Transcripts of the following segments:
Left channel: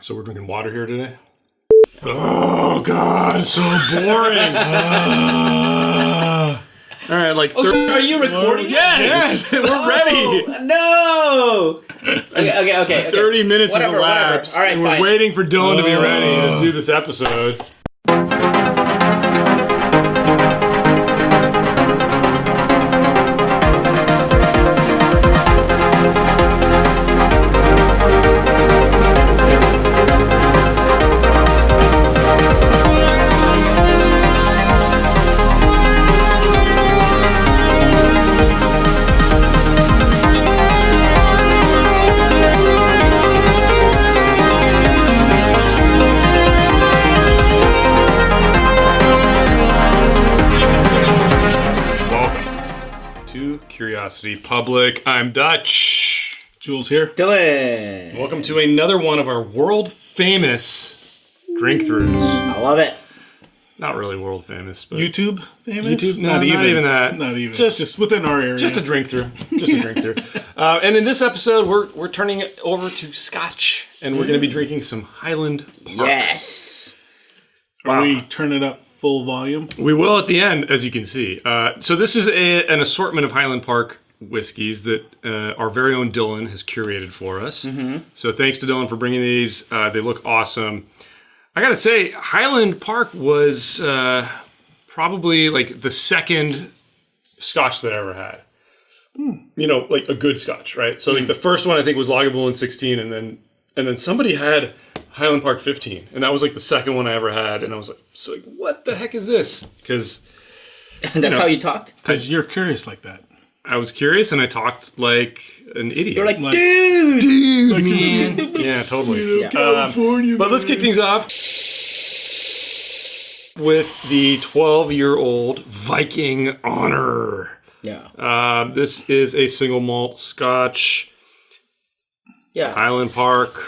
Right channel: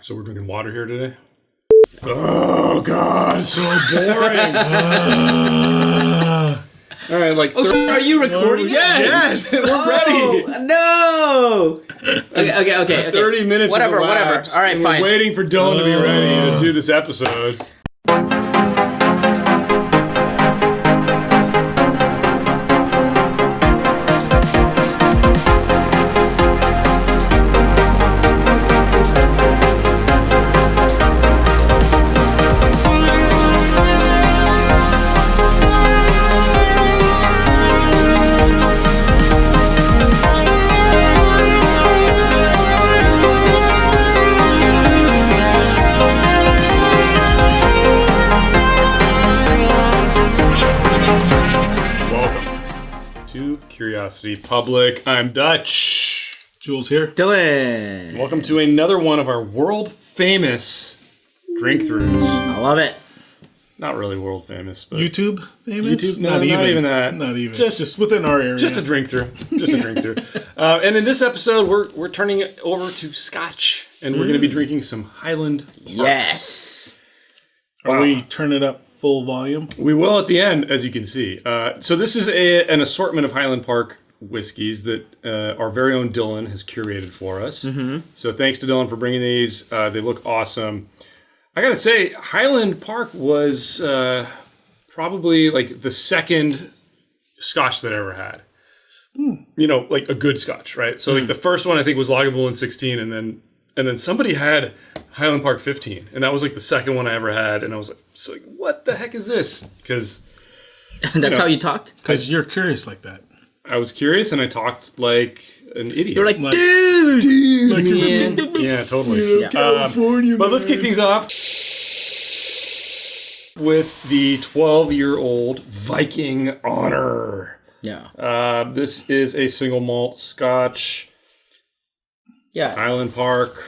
So we're drinking water here today? Oh, God, so boring. All right, like... are you recording? Yes! We're ready. No! Okay. 30 minutes Whatever. has elapsed. All right, and fine. We're waiting for Dylan to be ready to do this episode. Public. I'm Dutch. Jules here. Dylan. Welcome to another one of our world famous drink throughs. I love it. Not really world famous, but YouTube famous? YouTube, not even that. Not even. Just within our area. Just a drink through. And in this episode, we're turning it over to scotch, and we're going to be drinking some Highland Park. Yes. Are we turn it up full volume? We will at the end, as you can see. So this is an assortment of Highland Park whiskeys that our very own Dylan has curated for us. Mm-hmm. So thanks to Dylan for bringing these. They look awesome. I gotta say, Highland Park was probably like the second scotch that I ever had. You know, like a good scotch, right? So like the first one I think was Lagavulin 16, and then somebody had Highland Park 15, and that was like the second one I ever had, and I was like, what the heck is this? Because that's how you talked? Because you're curious like that. I was curious, and I talked like an idiot. You're like dude, like man. Yeah, totally. You know, California, but let's kick things off with the 12-year-old Viking Honor. Yeah. This is a single malt scotch. Yeah. Highland Park.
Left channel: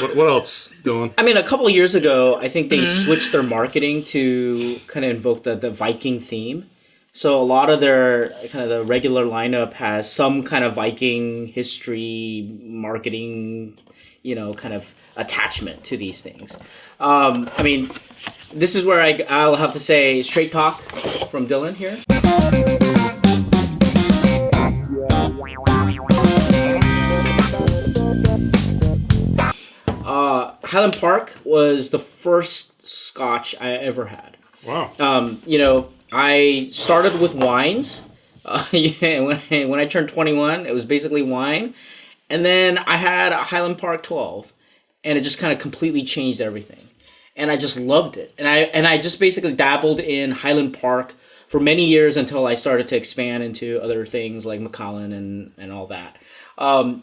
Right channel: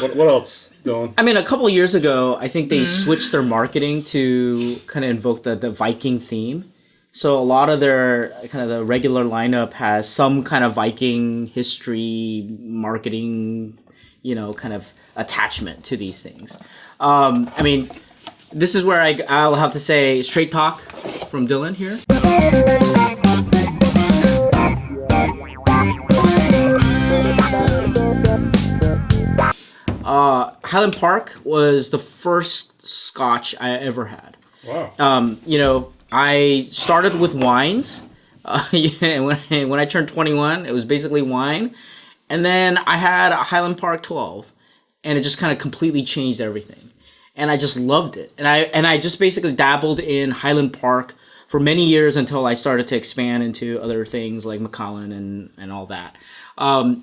What else, Dylan? I mean, a couple of years ago, I think they switched their marketing to kind of invoke the Viking theme. So a lot of their kind of the regular lineup has some kind of Viking history, marketing, kind of attachment to these things. I mean, this is where I'll have to say straight talk from Dylan here. Highland Park was the first scotch I ever had. Wow. I started with wines. When I turned 21, it was basically wine. And then I had a Highland Park 12, and it just kind of completely changed everything. And I just loved it. And I just basically dabbled in Highland Park for many years until I started to expand into other things like Macallan and all that.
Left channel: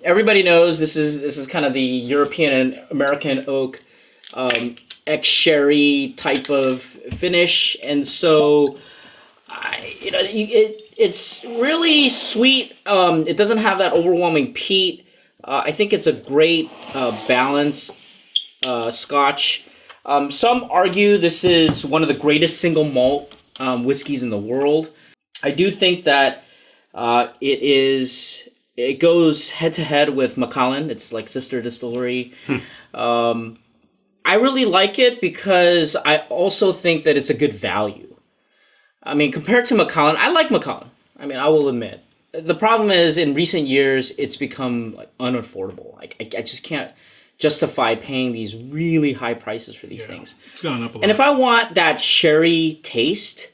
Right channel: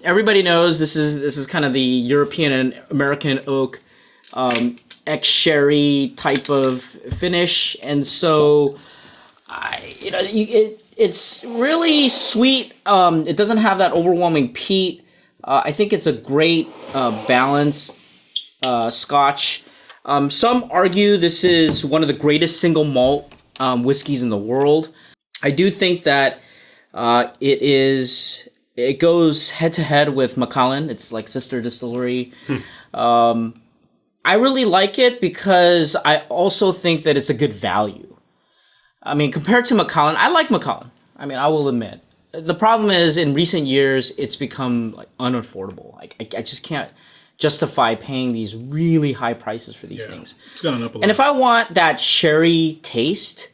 Everybody knows this is kind of the European and American oak ex-sherry type of finish, and so it's really sweet. It doesn't have that overwhelming peat. I think it's a great balanced scotch. Some argue this is one of the greatest single malt whiskeys in the world. I do think that it goes head to head with Macallan. It's like sister distillery. I really like it because I also think that it's a good value. I mean, compared to Macallan, I like Macallan. I mean, I will admit. The problem is, in recent years, it's become like unaffordable. Like, I just can't justify paying these really high prices for these things. It's gone up a lot. And if I want that sherry taste,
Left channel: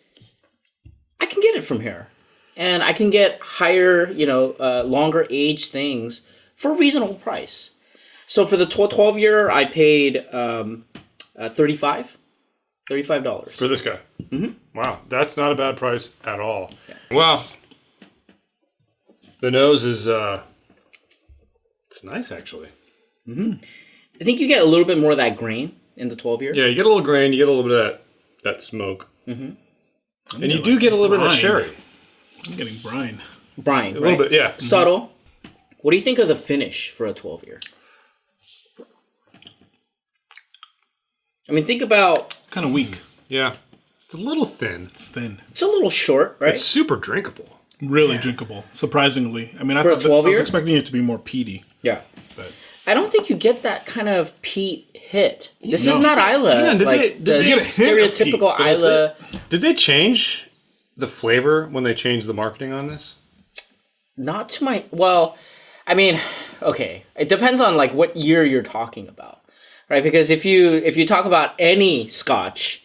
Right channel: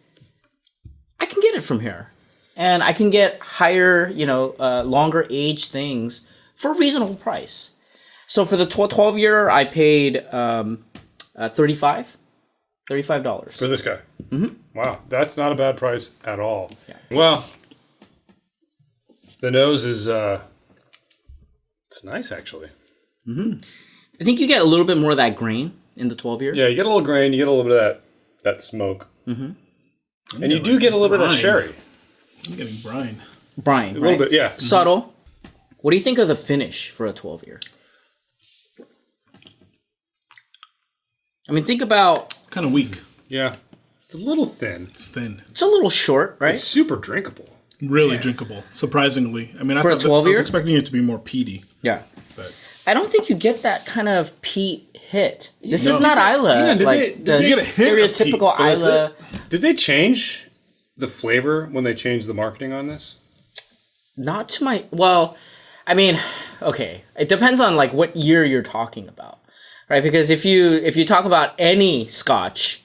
I can get it from here. And I can get higher, longer age things for a reasonable price. So for the 12-year, I paid $35. For this guy? Mm-hmm. Wow, that's not a bad price at all. Yeah. Well, the nose is, it's nice, actually. Mm-hmm. I think you get a little bit more of that grain in the 12-year. Yeah, you get a little grain, you get a little bit of that smoke. Mm-hmm. And you do get a little bit of sherry. I'm getting brine. Brine, a little bit, yeah. Subtle. What do you think of the finish for a 12-year? I mean, think about... Kind of weak. Yeah. It's a little thin. It's thin. It's a little short, right? It's super drinkable. Really drinkable, surprisingly. I mean, I was expecting it to be more peaty. Yeah. But I don't think you get that kind of peat hit. This No. is not Isla. Hang on, did like they- the you get a hint of peat, stereotypical but that's Isla. Did they change the flavor when they changed the marketing on this? Not to my well, I mean, okay. It depends on like what year you're talking about, right? Because if you talk about any Scotch,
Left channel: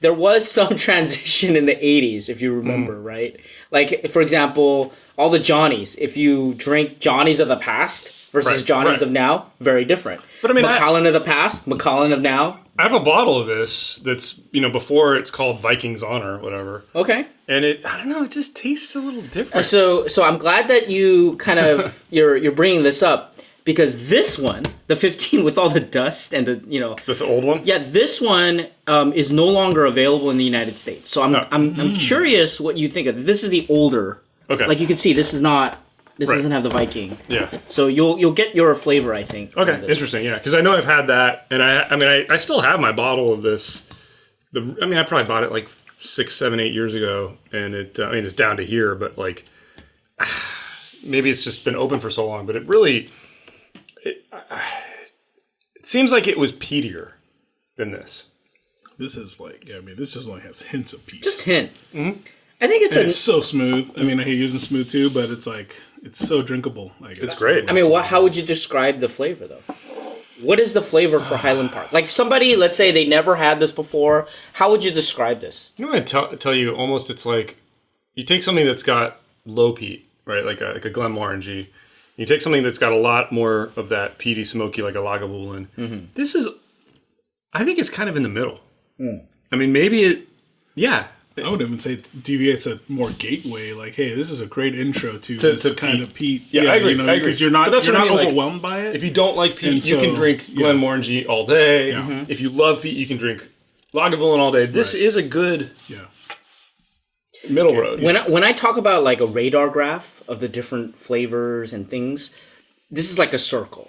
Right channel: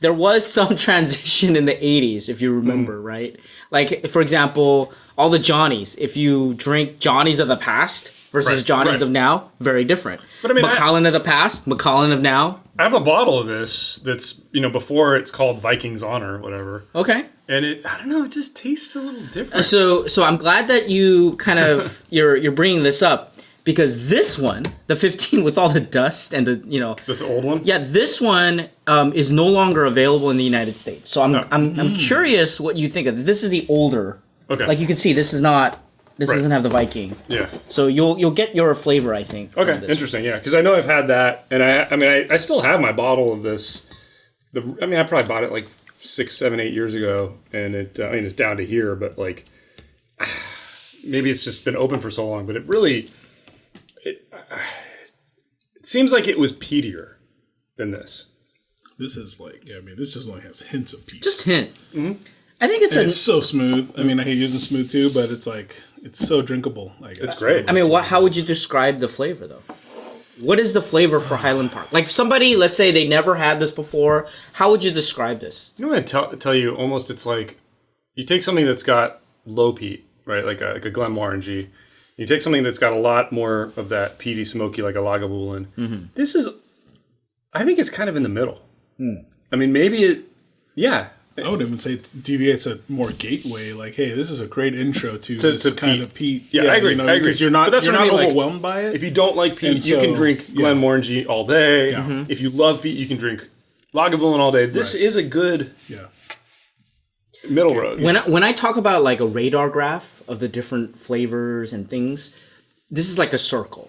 there was some transition in the 80s, if you remember, right? Like for example, all the Johnnies. If you drink Johnnies of the past versus Right, Johnnies right. of now, very different. But I mean, Macallan of the past, Macallan of now. I have a bottle of this that's, before it's called Viking's Honor or whatever. Okay. And I don't know, it just tastes a little different. So I'm glad that you kind of you're bringing this up because this one, the 15 with all the dust and the This old one? yeah, this one is no longer available in the United States. So I'm curious what you think of it. This is the older. Okay. Like you can see, this is not. This Right. doesn't have the Viking. Yeah. So you'll get your flavor, I think. Okay, from this. interesting. Yeah, because I know I've had that, and I still have my bottle of this. I probably bought it like 6, 7, 8 years ago, and it's down to here, but like maybe it's just been open for so long, but it seems like it was peatier than this. This is like, this just only has hints of peat. Just hint. Mm-hmm. I think it's And it's so smooth. I mean, I hate using smooth too, but it's like, it's so drinkable. I guess. It's great. I mean, how would you describe the flavor, though? What is the flavor for Highland Park? Like somebody, let's say they never had this before. How would you describe this? You know what I tell you? Almost, it's like you take something that's got low peat, right? Like a Glenmorangie. You take something that's got a lot more of that peaty, smoky, like a Lagavulin. Mm-hmm. This is, I think it's kind of in the middle. I mean, maybe yeah. I would even say it deviates a more gateway. Like, hey, this is a great intro to this kind peat. of peat. Yeah, I agree. Because you're not But that's what I mean, like, overwhelmed by it. If you don't like peat, And you can so, drink yeah. Glenmorangie all day. Yeah. If you love peat, you can drink Lagavulin all day. This Right. is a good Yeah. middle road. When I talk about like a radar graph of the different flavors and things, this is like a circle.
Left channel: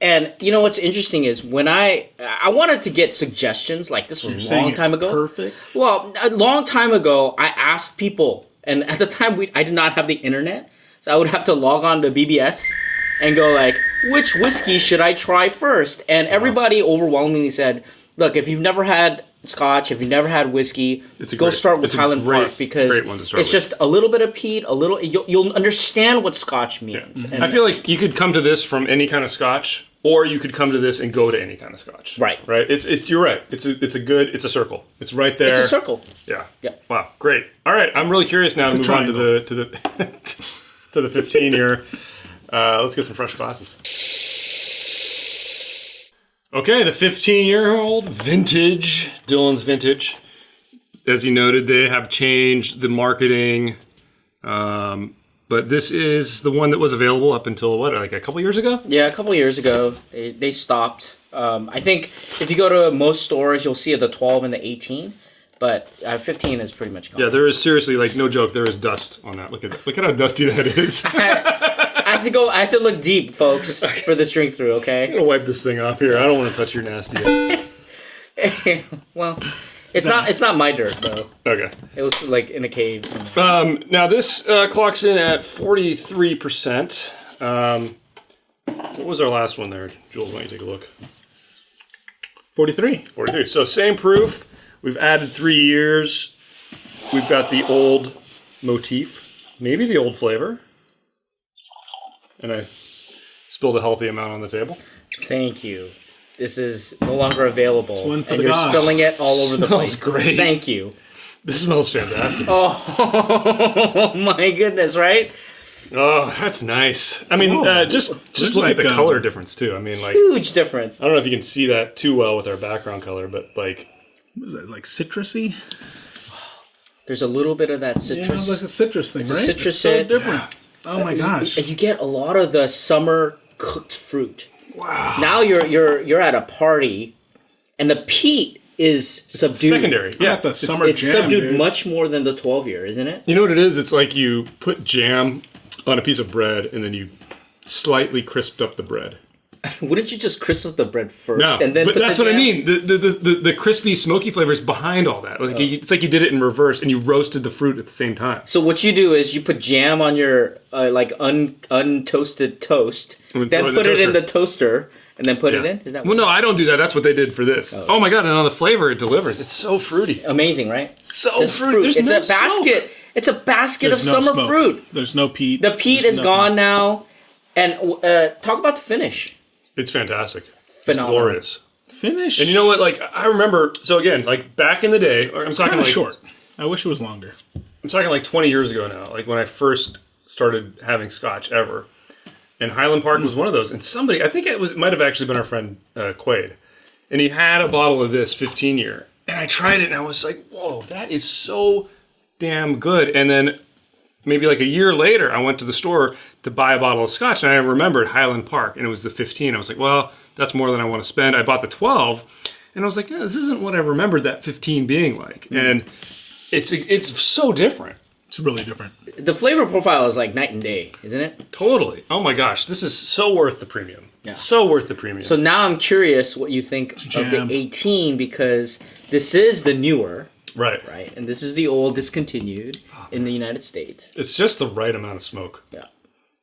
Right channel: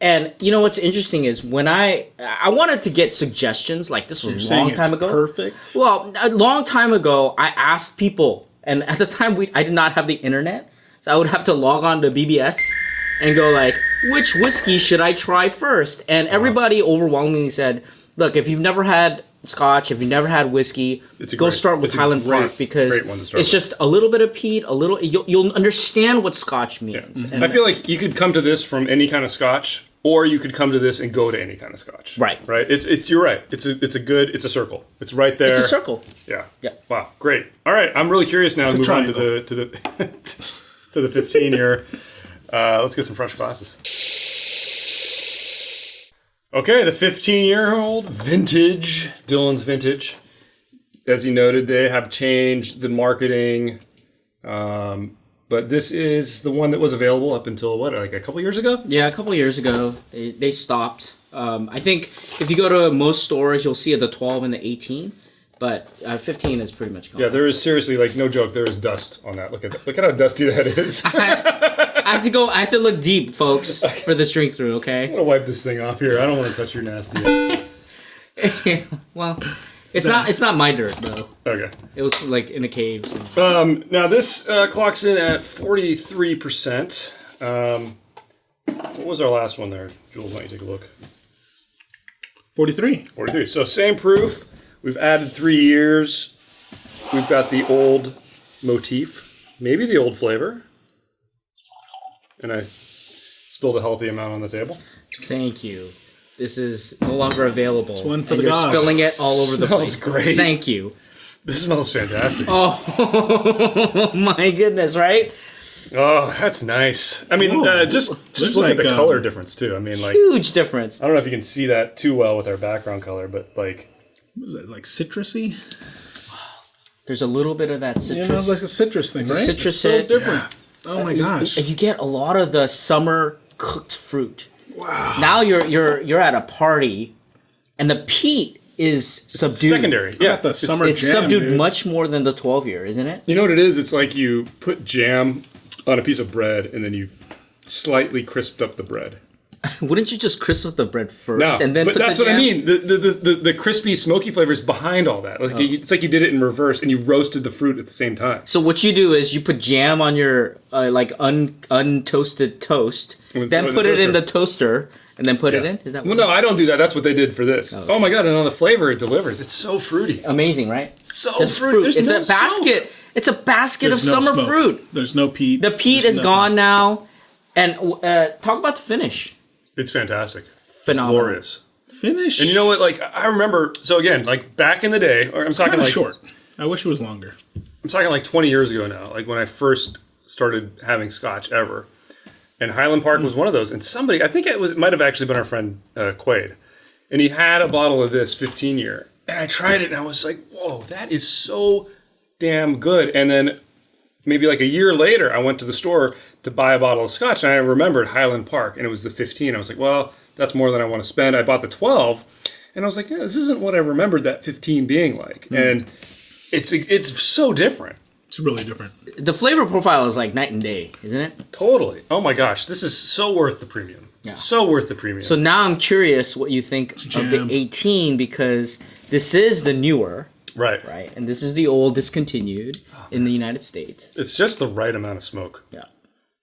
And you know what's interesting is when I wanted to get suggestions, like this was a long time ago. Perfect. Well, a long time ago, I asked people, and at the time I did not have the internet, so I would have to log on to BBS and go like, which whiskey should I try first? And everybody overwhelmingly said, look, if you've never had Scotch, if you've never had whiskey, start with Highland Park because great one to start it's with. just a little bit of peat, you'll understand what Scotch means. And I feel like you could come to this from any kind of Scotch, or you could come to this and go to any kind of Scotch. Right. Right. You're right. It's a circle. It's right there. it's a circle. Yeah. Yep. Wow. Great. All right. I'm really curious now to move on to the 15 year. Let's get some fresh glasses. Okay, the 15-year-old vintage, Dylan's vintage. As he noted, they have changed the marketing, but this is the one that was available up until like a couple years ago? Yeah, a couple of years ago, they stopped. I think if you go to most stores, you'll see the 12 and the 18, but 15 is pretty much gone. Yeah, there is seriously, like, no joke, there is dust on that. Look at how dusty that is. I had to look deep, folks, for this drink through, okay? I'm gonna wipe this thing off here. I don't want to touch your nasty. Well, it's not my dirt though. Okay. It was like in a cave somewhere. Now this clocks in at 43%. What was our last one there, Jules? Why don't you take a look? 43. 43. So same proof. We've added 3 years. We've got the old motif, maybe the old flavor. And I spilled a healthy amount on the table. Thank you. This is no longer available. It's one for and the you're gods. spilling it all over the Smells place. great. Thank you. This smells fantastic. Oh my goodness, right? Oh, that's nice. I mean, Ooh. just There's look at like, the color difference too. I mean, like, Huge difference. I don't know if you can see that too well with our background color, but like, What is that, like citrusy? There's a little bit of that citrus. You know, like a citrus thing, a right? citrus It's so hit. different. Oh my gosh. And you get a lot of the summer cooked fruit. Wow. Now you're at a party, and the peat is subdued. secondary. I Yeah. got the summer It's jam, subdued dude. much more than the 12-year, isn't it? You know what it is? It's like you put jam on a piece of bread and then you slightly crisped up the bread. Wouldn't you just crisp up the bread first No, and then but put that's the what I jam? mean. The crispy, smoky flavor is behind all that. Like it's like you did it in reverse and you roasted the fruit at the same time. So what you do is you put jam on your untoasted toast, And then then throw it in put the it in toaster. the toaster, and then put it in? Is that Well, no, I don't do that. That's what they did for this. Oh my god! And on the flavor, it delivers. It's so fruity. amazing, right? So Just fruity. There's It's no a basket. smoke. It's a basket There's of no summer smoke. fruit. There's no peat. The peat There's is nothing. gone now. And talk about the finish. It's fantastic. Phenomenal. It's glorious. Finish. And you know what? Like I remember. So again, like back in the day, or I'm talking Kind of like short. I wish it was longer. I'm talking like 20 years ago now. Like when I first started having scotch ever, and Highland Park was one of those. And somebody, I think it might have actually been our friend Quaid, and he had a bottle of this 15-year, and I tried it, and I was like, whoa, that is so damn good. And then maybe like a year later, I went to the store to buy a bottle of scotch, and I remembered Highland Park, and it was the 15. I was like, well, that's more than I want to spend. I bought the 12, and I was like, yeah, this isn't what I remembered that 15 being like. And it's so different. It's really different. The flavor profile is like night and day, isn't it? Totally. Oh my gosh, this is so worth the premium. Yeah. So worth the premium. So now I'm curious what you think of jam. the 18 because this is the newer, right. right? And this is the old discontinued in the United States. It's just the right amount of smoke Yeah.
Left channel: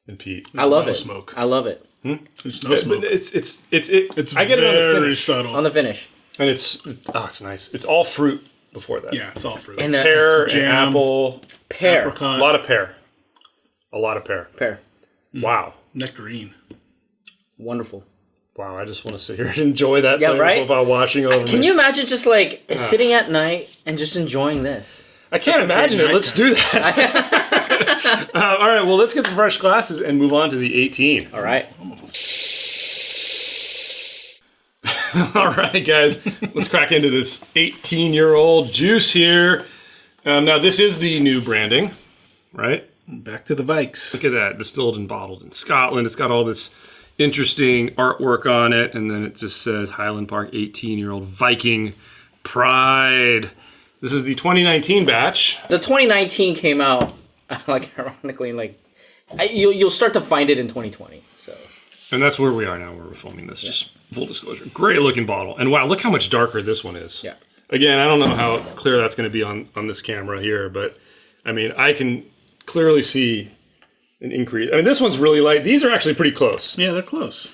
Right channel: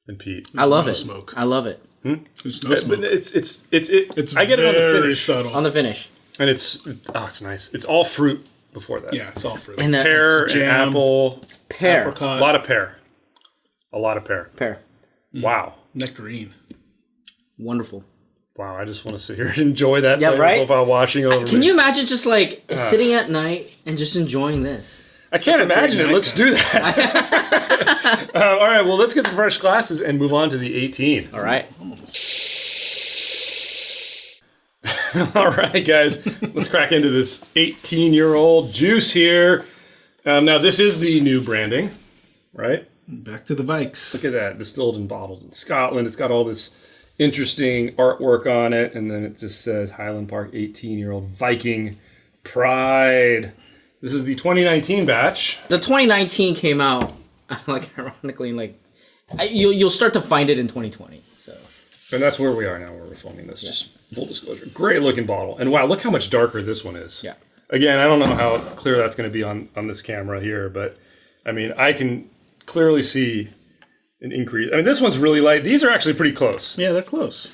and peat. I love no it. smoke. I love it. There's no smoke. But it's It's I get it on the very finish. subtle. On the finish. And it's nice. It's all fruit before that. Yeah, it's all fruit. And Pear and jam. apple. pear. A Apricot, lot of pear. A lot of pear. Pear. Wow. nectarine. Wonderful. Wow, I just want to sit here and enjoy that Yeah, flavor right? profile washing over Can me. you imagine just like sitting at night and just enjoying this? I can't a great imagine it. Let's nighttime. do that. All right, well, let's get some fresh glasses and move on to the 18. All right. All right, guys, let's crack into this 18-year-old juice here. Now, this is the new branding, right? Back to the Vikes. Look at that, distilled and bottled in Scotland. It's got all this interesting artwork on it, and then it just says Highland Park 18-year-old Viking Pride. This is the 2019 batch. The 2019 came out, like ironically, like you'll start to find it in 2020. So And that's where we are now, where we're filming this, just full disclosure. Great looking bottle. And wow, look how much darker this one is. yeah, Again, I don't know how clear that's going to be on this camera here, but I mean, I can clearly see an increase. I mean, this one's really light. These are actually pretty close. Yeah, they're close.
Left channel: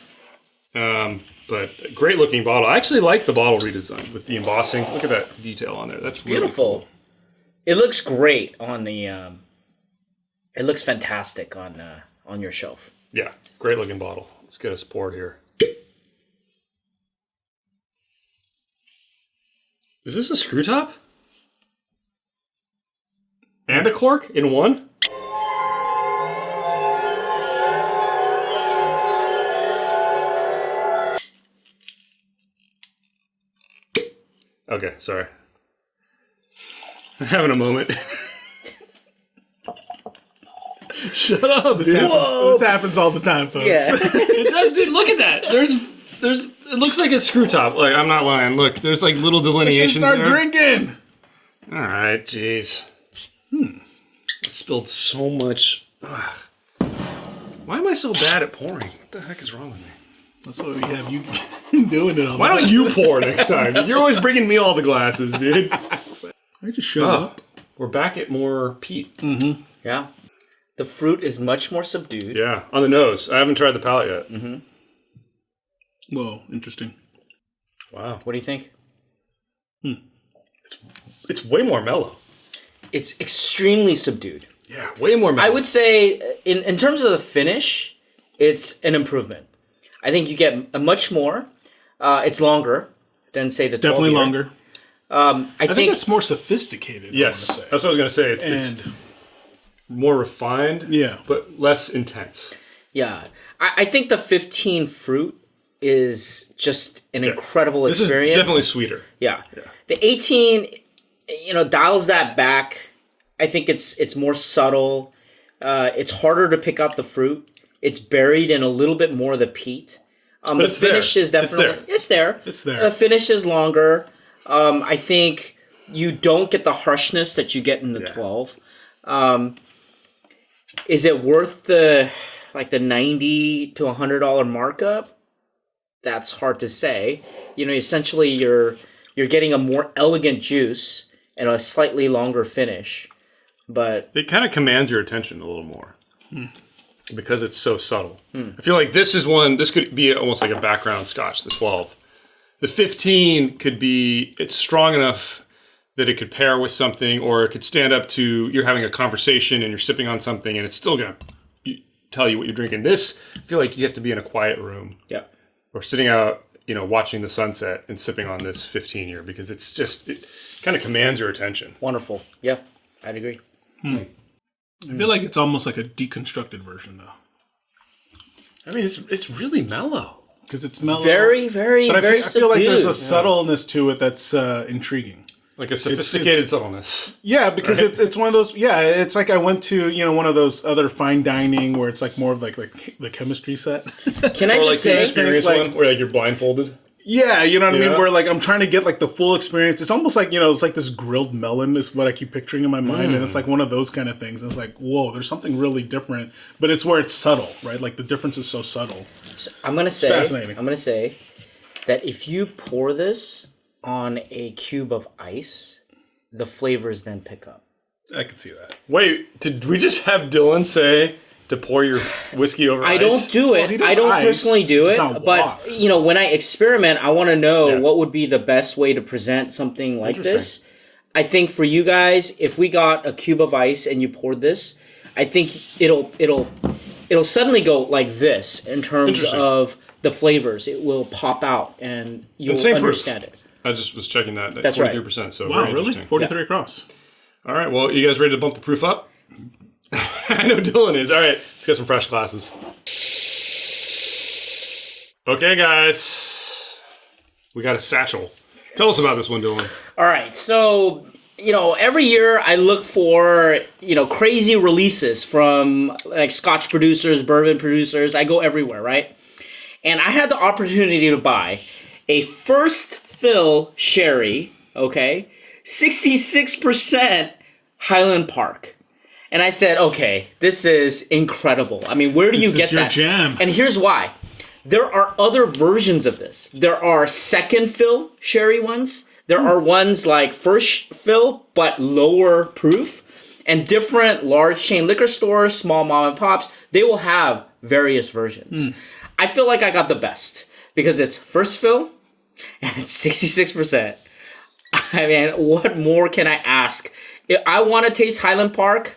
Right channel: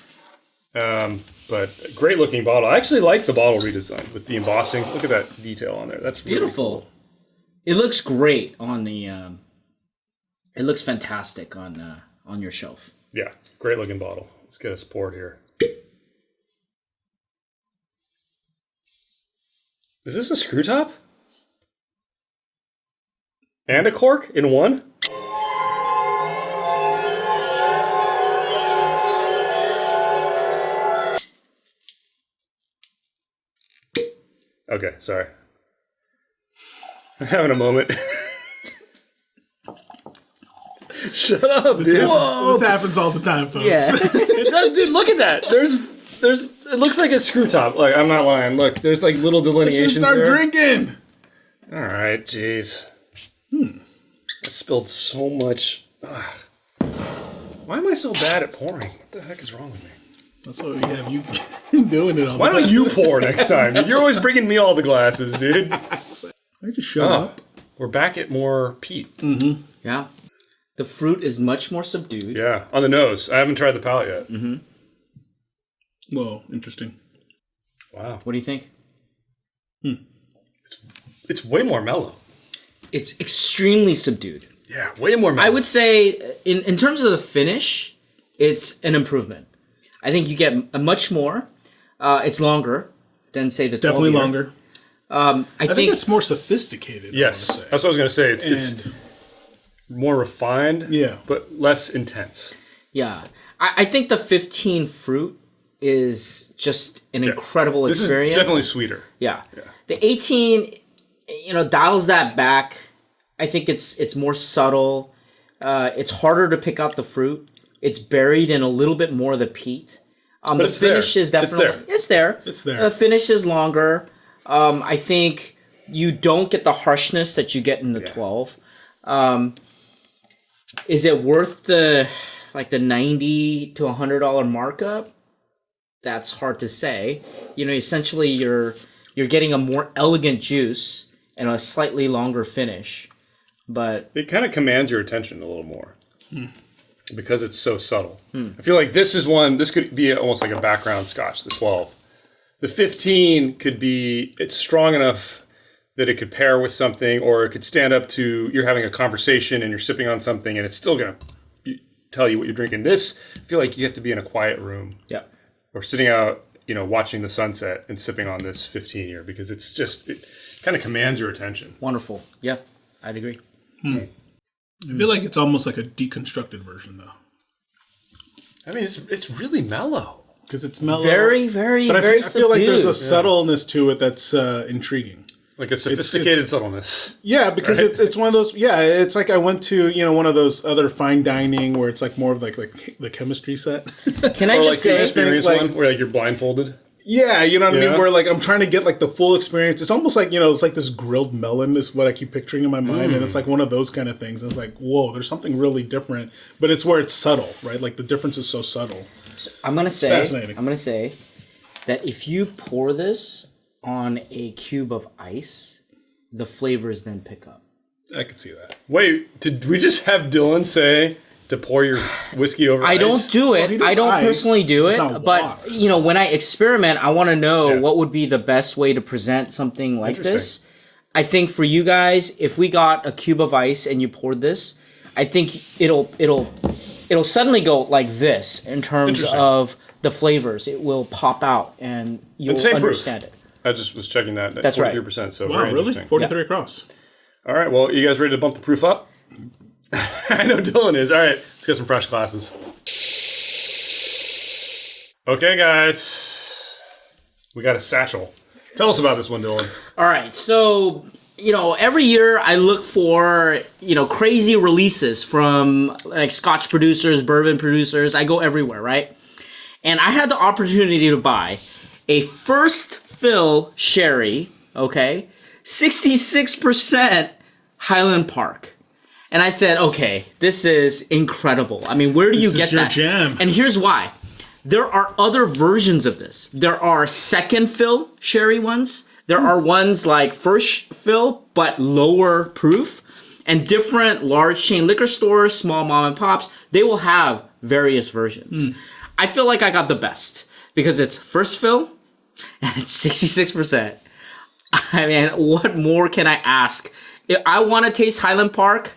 But great looking bottle. I actually like the bottle redesign with the embossing. Look at that detail on there. That's really beautiful. cool. It looks great on the. It looks fantastic on your shelf. Yeah, great looking bottle. Let's get us poured here. Is this a screw top? And a cork in one? Okay, sorry. I'm having a moment. Shut up, This dude. happens all the time, folks. Yeah. It does, dude. Look at that. There's. It looks like a screw top. Like I'm not lying. Look, there's like little You should delineations start there. drinking. All right, jeez. I spilled so much. Ugh. Why am I so bad at pouring? What the heck is wrong with me? That's what we have you doing it all Why the time. don't you pour next time? You're always bringing me all the glasses, dude. I just shut up. We're back at more peat. Yeah. The fruit is much more subdued. Yeah, on the nose. I haven't tried the palate yet. Whoa, interesting. Wow. What do you think? It's way more mellow. It's extremely subdued. Yeah, way more mellow. I would say, in terms of the finish, it's an improvement. I think you get a much more. It's longer than, say, the 12 Definitely year. longer. I I think it's more sophisticated. Yes, I want to say. that's what I was going to say. It's And more refined, yeah, but less intense. Yeah. I think the 15 fruit is just an incredible This experience. is definitely sweeter. Yeah. The 18, dials that back. I think it's more subtle. It's harder to pick out the fruit. It's buried in a little bit more of the peat. The it's finish there. is definitely It's there. It's there. The finish is longer. I think you don't get the harshness that you get in the 12. Is it worth the $90 to $100 markup? That's hard to say. Essentially you're getting a more elegant juice and a slightly longer finish. But It kind of commands your attention a little more. because it's so subtle. I feel like this could be almost like a background scotch, the 12. The 15 could be, it's strong enough that it could pair with something, or it could stand up to, you're having a conversation and you're sipping on something and it's still going to tell you what you're drinking. This, I feel like you have to be in a quiet room. Yeah. Or sitting out, watching the sunset and sipping on this 15 year, because it kind of commands your attention. Wonderful. Yeah, I'd agree. I feel like it's almost like a deconstructed version, though. I mean, it's really mellow. Because it's mellow. Very, very, but very I feel like there's a subdued. subtleness to it that's intriguing. Like a sophisticated subtleness. Yeah, because right? it's one of those. Yeah, it's like I went to one of those other fine dining where it's like more of like the chemistry set. Can I Or like just the say, experience like- one where like you're blindfolded. Yeah, you know what I mean? Yeah. Where like I'm trying to get like the full experience. It's almost like, it's like this grilled melon is what I keep picturing in my mind. And it's like one of those kind of things. And it's like, whoa, there's something really different. But it's where it's subtle, right? Like the difference is so subtle. I'm gonna fascinating. say that if you pour this on a cube of ice, the flavors then pick up. I can see that. Wait, did we just have Dylan say to pour your whiskey over I ice? don't do Well, he it. does I don't ice, personally do just it. not But water. when I experiment, I want to know Yeah. what would be the best way to present something like this. Interesting. I think for you guys, if we got a cube of ice and you poured this, I think it'll suddenly go like this in terms Interesting. of the flavors. It will pop out and you'll same proof. understand it. I just was checking that. That's right. 43%. So Wow, very really? interesting. 43 across. All right. Well, you guys ready to bump the proof up? I know Dylan is. All right. Let's get some fresh glasses. Okay, guys. We got a satchel. Tell us about this one, Dylan. All right, so every year I look for crazy releases from like Scotch producers, bourbon producers. I go everywhere, right? And I had the opportunity to buy a first fill sherry, okay, 66% Highland Park. And I said, okay, this is incredible. I mean, where do you This is get your that? jam. And here's why. There are other versions of this. There are second fill sherry ones. There are ones like first fill, but lower proof. And different large chain liquor stores, small mom and pops, they will have various versions. I feel like I got the best because it's first fill and it's 66%. I mean, what more can I ask? If I want to taste Highland Park,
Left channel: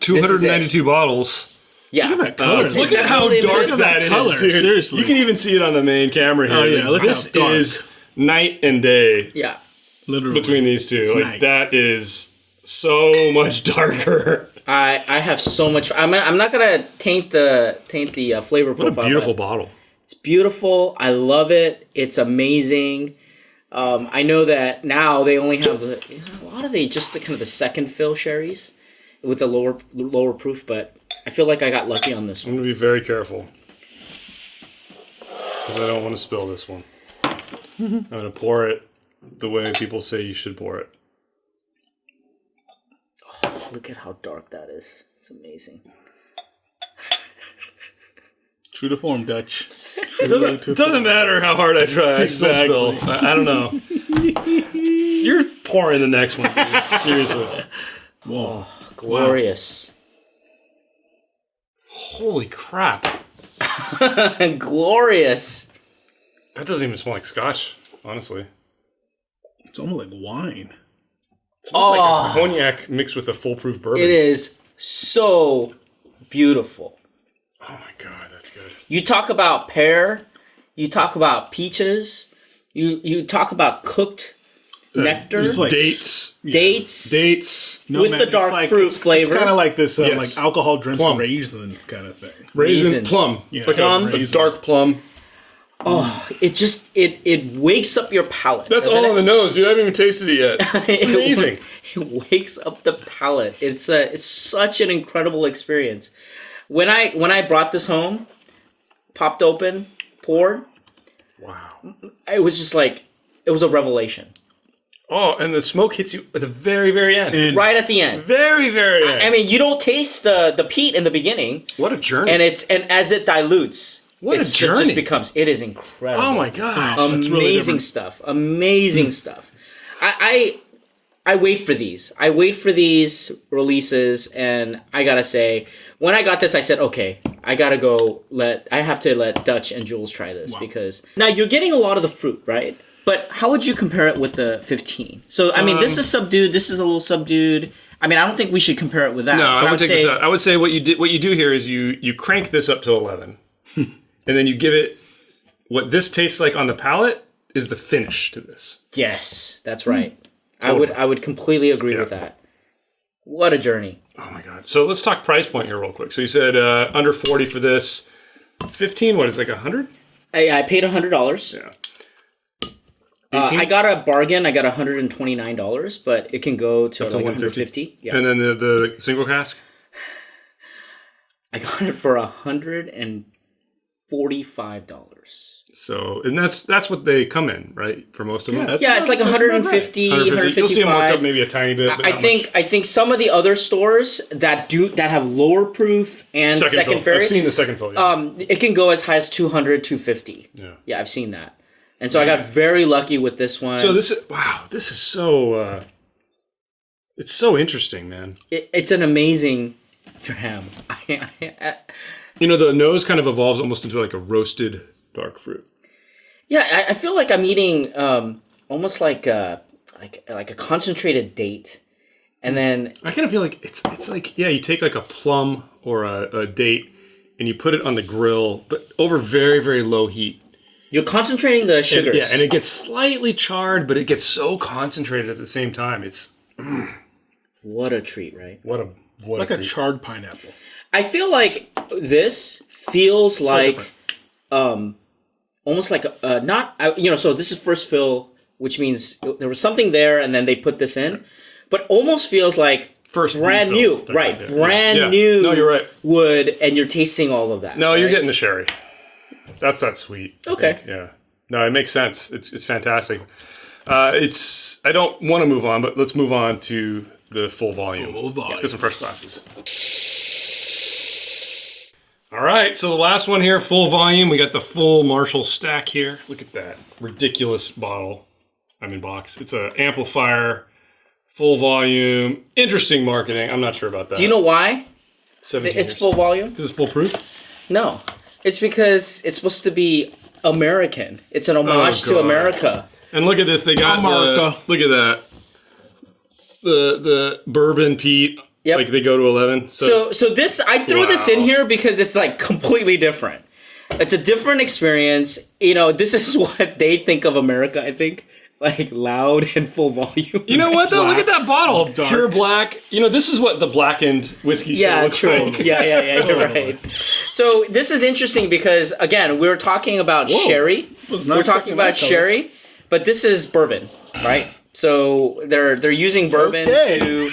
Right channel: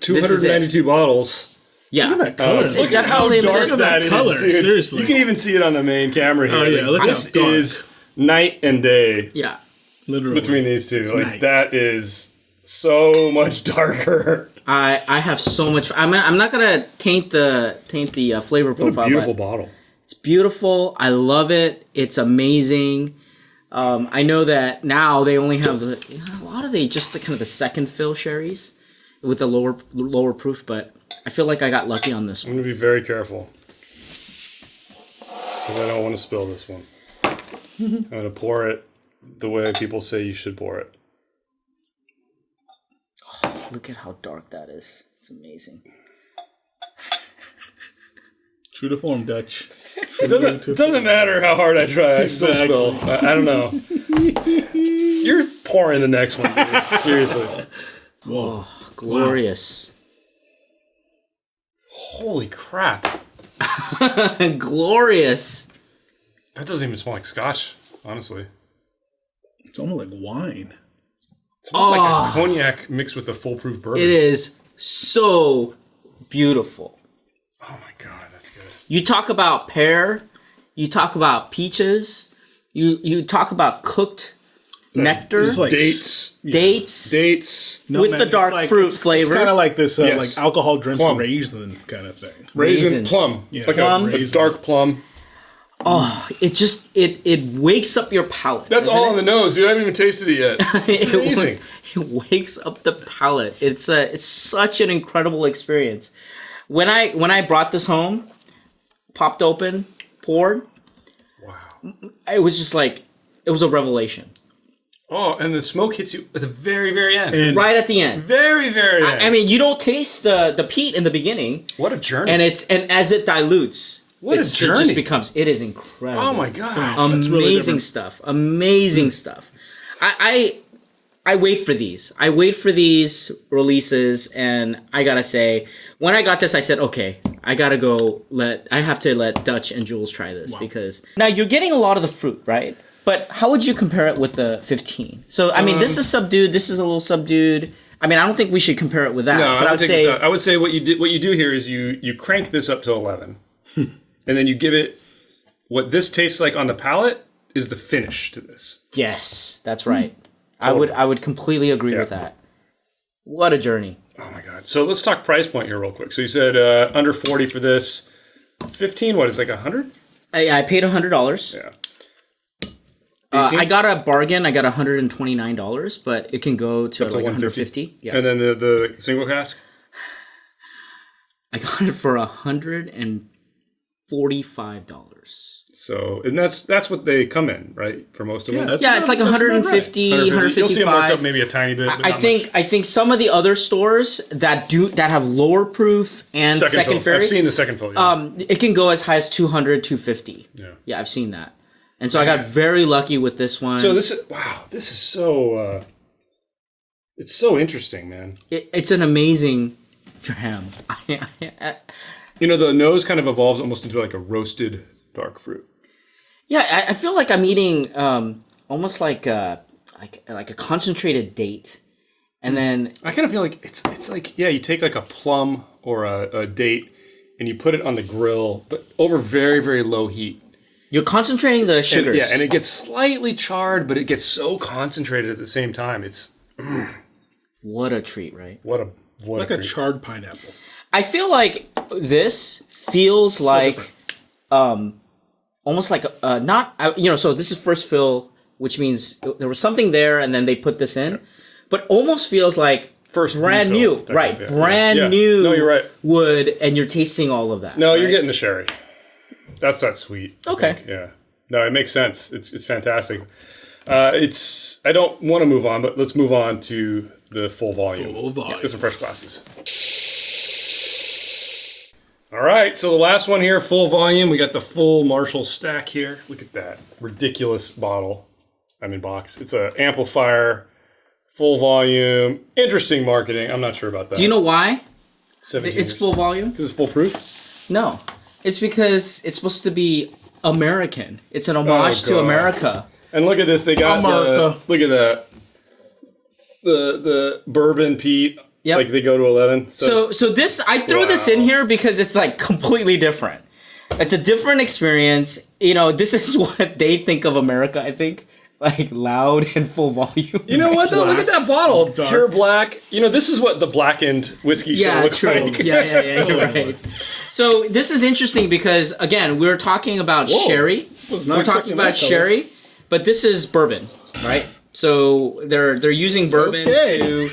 292 bottles. yeah. Look at that color. Is Look that at how how they dark make it? that Look at that color, is, dude. seriously. You can even see it on the main camera here. Oh, yeah, look how this dark. is night and day Yeah. Literally. between these two. It's Like night. that is so much darker. I have so much. I'm not gonna taint the flavor What a profile. beautiful but bottle. It's beautiful. I love it. It's amazing. I know that now they only have a lot of just the kind of the second fill sherries with a lower proof, but I feel like I got lucky on this one. I'm gonna be very careful because I don't want to spill this one. I'm gonna pour it the way people say you should pour it. Look at how dark that is. It's amazing. True to form, Dutch. It doesn't matter how hard I try. I still Exactly. spill. I don't know. You're pouring the next one. Seriously. Whoa. Glorious. Holy crap. Glorious. That doesn't even smell like scotch, honestly. It's almost like wine. It's almost like a cognac mixed with a foolproof bourbon. It is so beautiful. Oh my god, that's good. You talk about pear, you talk about peaches, you talk about cooked nectar, Just like Dates. dates, nutmeg. with the It's dark like, fruit it's flavor. kind of like this Yes. like alcohol drenched Plum. raisin kind of thing. Raisin, Raisins. plum. Yeah, Like plum. a Raisin. dark plum. Oh, it wakes up your palate. That's doesn't all it? on the nose, dude. I haven't even tasted it yet. It's amazing. It wakes up the palate. It's such an incredible experience. When I brought this home, popped open, poured, Wow. it was just like it was a revelation. Oh, and the smoke hits you at the very, very end. And Right at the end. Very, very end. I mean, you don't taste the peat in the beginning, what a journey. and as it dilutes, What a it journey. just becomes. It is incredible. Oh my god. It's really Amazing different. stuff. Amazing stuff. I wait for these. I wait for these releases, and I gotta say, when I got this, I said, okay, I have to let Dutch and Jules try this because now you're getting a lot of the fruit, right? But how would you compare it with the 15? So I mean, this is subdued. This is a little subdued. I mean, I don't think we should compare it with that. No, but I would say what you do here is you crank this up to 11, and then you give it what this tastes like on the palate is the finish to this. Yes, that's right. Totally. I would completely agree with that. What a journey. Oh my god. So let's talk price point here real quick. So you said under 40 for this. 15, what, it's like 100? I paid $100. Yeah. I got a bargain. I got $129, but it can go to like 150. Yeah. And then the single cask? I got it for $145. So, and that's what they come in, right? For most of them. Yeah, it's like 150, 155. You'll see them marked up maybe a tiny bit. But I think some of the other stores that have lower proof and second fill. I've seen the second fill. Yeah. It can go as high as 200, 250. Yeah, I've seen that. And so I got very lucky with this one. So this is so it's so interesting, man. It's an amazing dram. You know, the nose kind of evolves almost into like a roasted dark fruit. Yeah, I feel like I'm eating almost like a concentrated date, and then I kind of feel like it's like you take like a plum or a date and you put it on the grill, but over very, very low heat. You're concentrating the sugars. And it gets slightly charred, but it gets so concentrated at the same time. It's what a treat, right? What like a charred pineapple. I feel like this feels like almost like so this is first fill, which means there was something there and then they put this in, but almost feels like brand new, right? Brand new. No, you're right. Wood, and you're tasting all of that. No, right? You're getting the sherry. That's that sweet. Okay. Yeah. No, it makes sense. It's fantastic. I don't want to move on, but let's move on to the full volume. Let's get some fresh glasses. All right, so the last one here, full volume. We got the full Marshall stack here. Look at that ridiculous box. It's an amplifier, full volume, interesting marketing. I'm not sure about that. Do you know why? 17 it's years. full volume? Because it's full proof? No, it's because it's supposed to be American. It's an homage to America. And look at this, they got America. Look at that. The bourbon peat. Yep. Like they go to 11. So this, I throw this in here because it's like completely different. It's a different experience. You know, this is what they think of America, I think. Like loud and full volume. You know what though? Look at that bottle. Dark. Pure black. You know, this is what the blackened whiskey should look like. Yeah, you're right. So this is interesting because again, we're talking about sherry. We're talking about sherry, but this is bourbon, right? So they're using bourbon to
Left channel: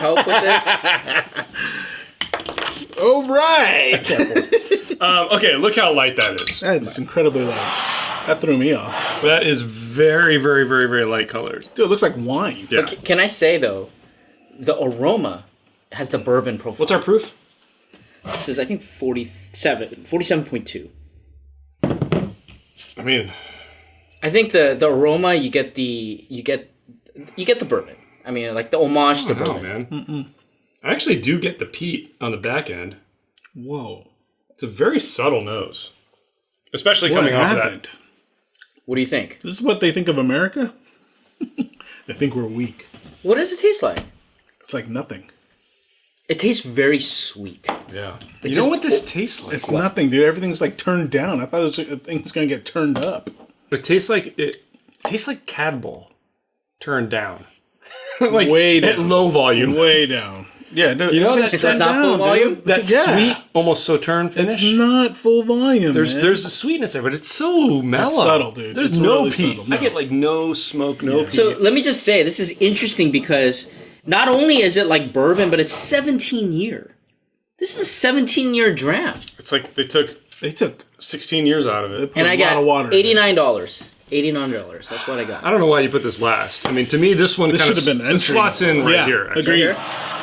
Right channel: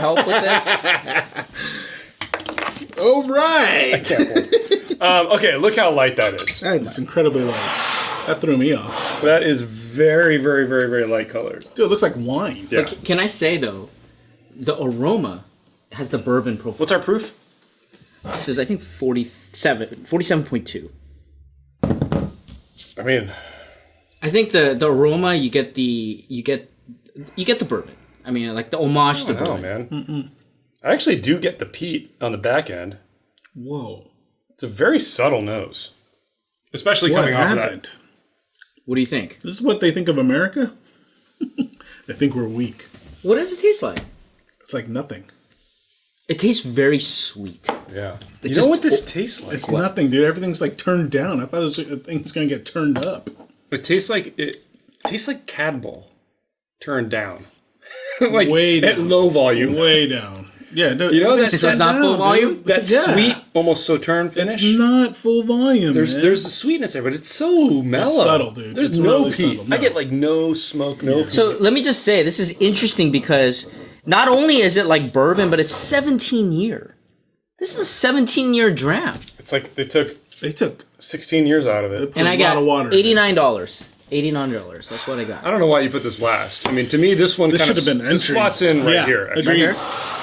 help with this. All right. Okay, look how light that is. That's incredibly light. That threw me off. That is very, very, very, very light colored. Dude, it looks like wine. Yeah. Can I say though, the aroma has the bourbon profile. What's our proof? This is I think 47.2. I mean, I think the aroma you get the bourbon. I mean, like the homage to bourbon. Man. I actually do get the peat on the back end. Whoa. It's a very subtle nose, especially coming off of that. What do you think? This is what they think of America? I think we're weak. What does it taste like? It's like nothing. It tastes very sweet. Yeah. You know what this tastes like? It's nothing, dude. Everything's like turned down. I thought thing's gonna get turned up. It tastes like Cadbull turned down. Like way down. At low volume. Way down. Yeah, no, you know that's turned not down, full volume? dude. That sweet, almost sauterne finish. It's not full volume. There's a sweetness there, but it's so mellow. It's subtle, dude. There's It's no really peat. subtle, I get like no smoke, no peat. So let me just say, this is interesting because not only is it like bourbon, but it's 17 year. This is a 17-year dram. It's like they took 16 years out of it. And I got $89. $89. That's what I got. I don't know why you put this last. I mean, to me, this one This kind of should have been entry. slots in right here. Actually. Agreed.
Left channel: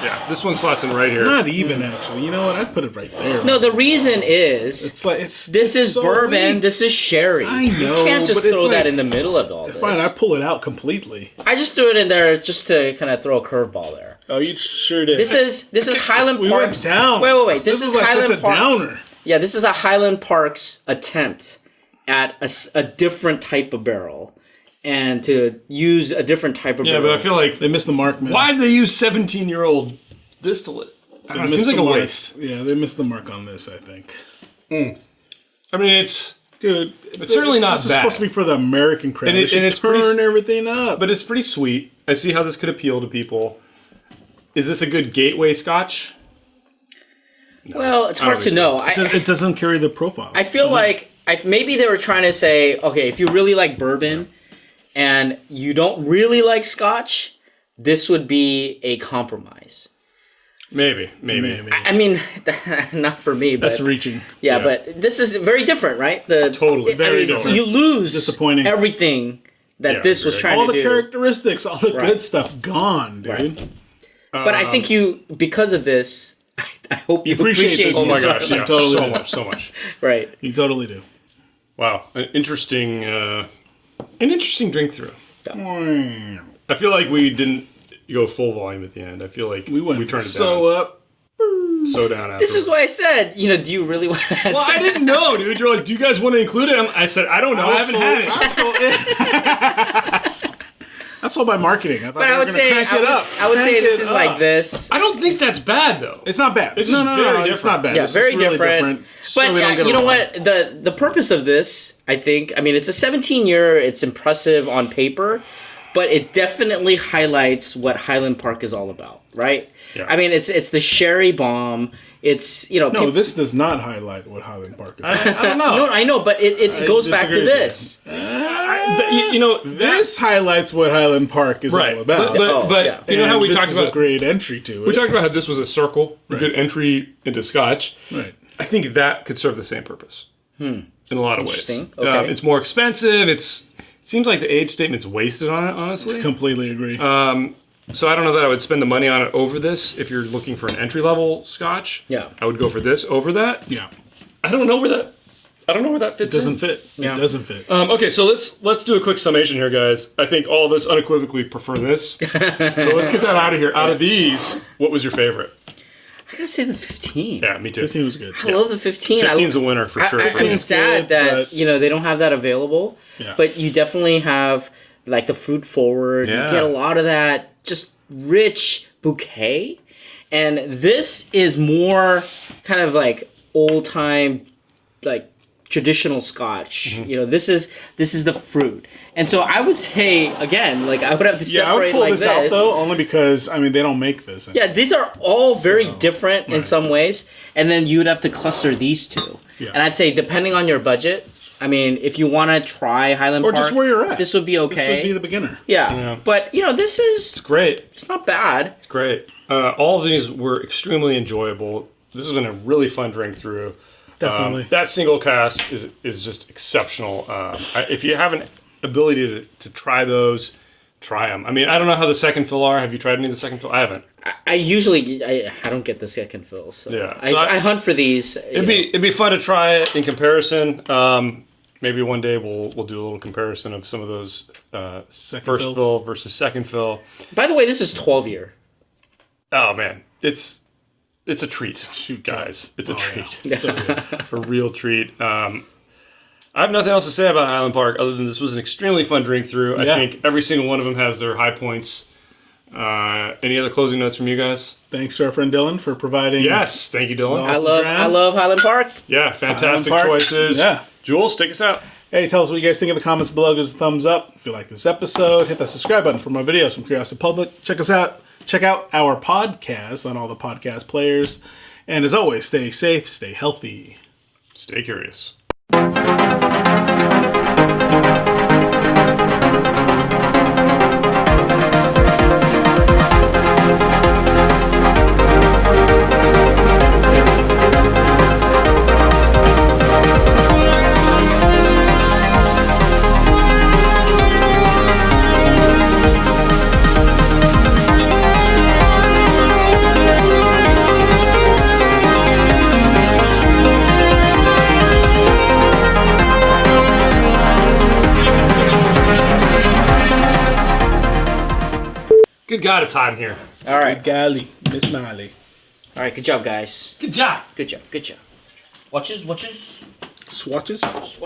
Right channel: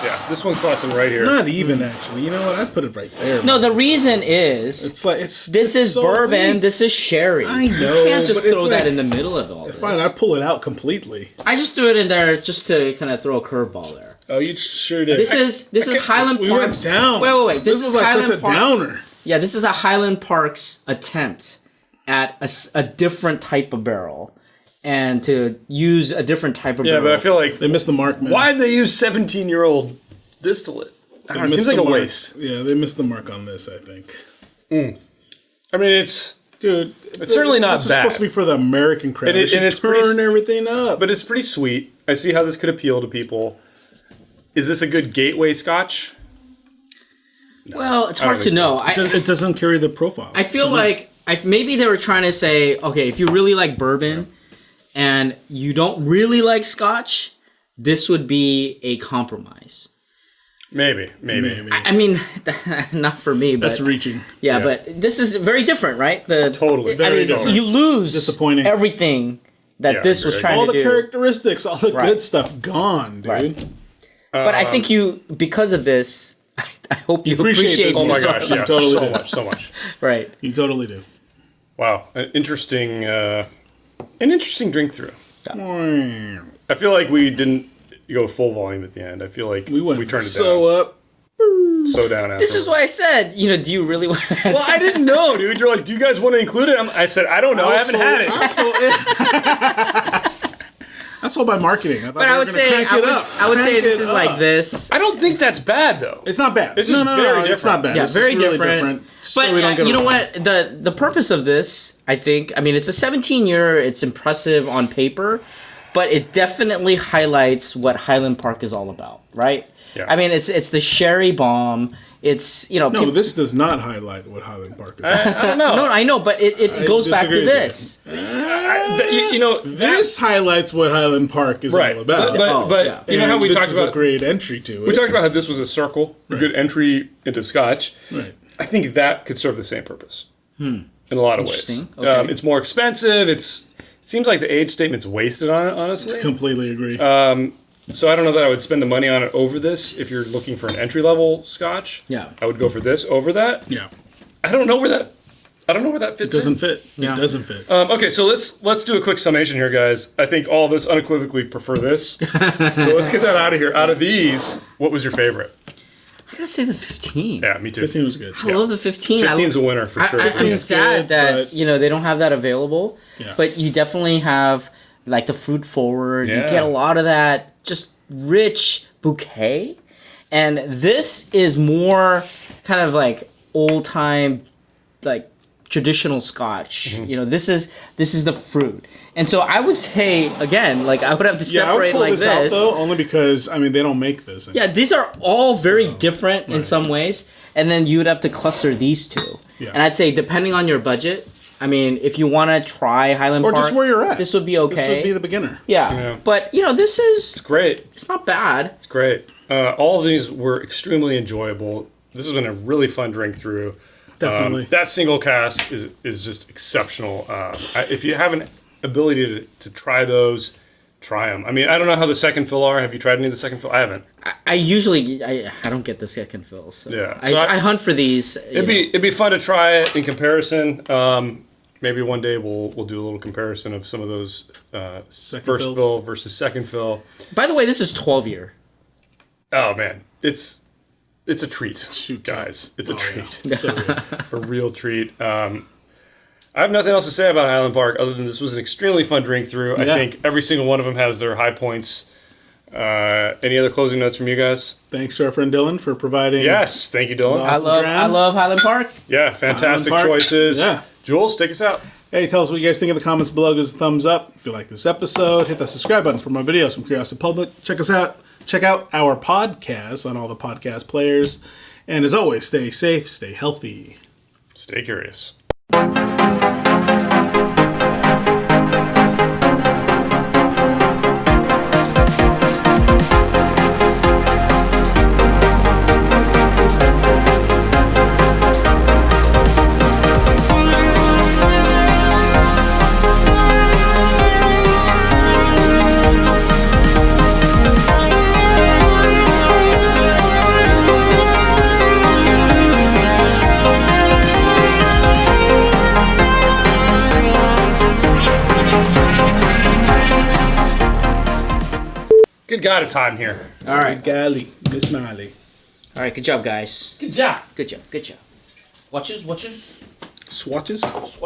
Yeah, this one slots in right here. Not even actually. You know what? I'd put it right there. No, the reason is It's like this is so bourbon, weak. this is sherry. I know, You can't just but it's throw that like- in the middle of all this. Fine, I pull it out completely. I just threw it in there just to kind of throw a curveball there. Oh, you sure did. This is Highland we Park. went down. Wait. This is like Highland such a Park. downer. Yeah, this is a Highland Park's attempt at a different type of barrel and to use a different type of Yeah, barrel. but I feel like They missed the mark, man. why did they use 17-year-old distillate? I They don't know, it seems missed like the a mark. waste. Yeah, they missed the mark on this, I think. I mean, it's Dude, It's certainly not This is bad. supposed to be for the American crowd. And They it- should and it's turn pretty- everything up. but it's pretty sweet. I see how this could appeal to people. Is this a good gateway scotch? Well, it's I don't hard to think know. It doesn't carry the profile. I feel like maybe they were trying to say, okay, if you really like bourbon and you don't really like scotch, this would be a compromise. Maybe. I mean, not for me, but That's reaching. yeah, Yeah. but this is very different, right? Totally. I Very mean, different. you lose Disappointing. everything that Yeah, this was very- trying All to the do. characteristics, all the Right. good stuff gone, dude. Right. But I think you, because of this, I hope you Appreciate appreciate this Oh my this. gosh, yeah, Totally so do. much, so much. Right. You totally do. Wow, an interesting drink through. I feel like we didn't go full volume at the end. I feel like We went turned it so up. down, so down after. This is why I said, do you really want to... Well, I didn't know, dude. You're like, do you guys want to include it? I said, I don't know. I haven't had it. That's all by marketing. I thought But they I were would going to say, crank it up. I would say Crank this it is like up. this. I don't think that's bad, though. It's not bad. It's no, just no, very no, it's not bad. Yeah, It's very just really different. So But we don't get you it know wrong. what? The purpose of this, I think, I mean, it's a 17-year. It's impressive on paper, but it definitely highlights what Highland Park is all about, right? Yeah. I mean, it's the sherry bomb. It's No, this does not highlight what Highland Park is. I don't know. No, I know, but it goes back to disagree with this. This highlights what Highland Park is right. all about. But yeah. you know how And we this talked is about a great entry to it. we talked about how this was a circle, a good entry into Scotch. Right. I think that could serve the same purpose in a lot of ways. Interesting. Okay. It's more expensive. It seems like the age statement's wasted on it, honestly. Completely agree. So I don't know that I would spend the money on it over this. If you're looking for an entry level Scotch, Yeah. I would go for this over that. yeah. I don't know where that fits. It doesn't fit. Yeah. It doesn't fit. Okay, so let's do a quick summation here, guys. I think all of us unequivocally prefer this. So let's get that out of here. Out of these, what was your favorite? I gotta say the 15. Yeah, me too. 15 was good. I love the 15. 15's a winner for sure. I'm 15's sad good, that but- they don't have that available. Yeah. But you definitely have like the fruit forward. Yeah. You get a lot of that just rich bouquet, and this is more kind of like old time, like traditional Scotch. Mm-hmm. This is the fruit, and so I would say again, like I would have to Yeah, I would separate pull like this out though, only because they don't make this. Anymore. Yeah, these are all very different in some ways, and then you would have to cluster these two. Yeah. And I'd say depending on your budget, I mean, if you want to try Highland Or Park, just where you're at. this would be okay. This would be the beginner. yeah. But this is Great. it's not bad. It's great. All of these were extremely enjoyable. This has been a really fun drink through. Definitely. That single cask is just exceptional. If you have an ability to try those, try them. I mean, I don't know how the second fill are. Have you tried any of the second fill? I haven't. I usually I don't get the second fills. So Yeah. I, So I hunt for these. It'd be fun to try it in comparison. Maybe one day we'll do a little comparison of some of those Second first fills. fill versus second fill. By the way, this is 12-year. Oh man, it's a treat, Shoot, guys. It's a Oh, treat. yeah. So good. A real treat. I have nothing else to say about Highland Park other than this was an extremely fun drink through. Yeah. I think every single one of them has their high points. Any other closing notes from you guys? Thanks to our friend Dylan for providing. Yes, thank you, Dylan. Awesome. I love Highland Park. Yeah, fantastic Park. choices. Yeah. Jules, take us out. Hey, tell us what you guys think in the comments below. Give us a thumbs up if you like this episode. Hit that subscribe button for more videos from Curiosity Public. Check us out. Check out our podcast on all the podcast players. And as always, stay safe, stay healthy. Stay curious. God, it's hot in here. All right. Good golly, Miss Miley. All right. Good job, guys. Good job. Good job. Good job. Watches. Swatches?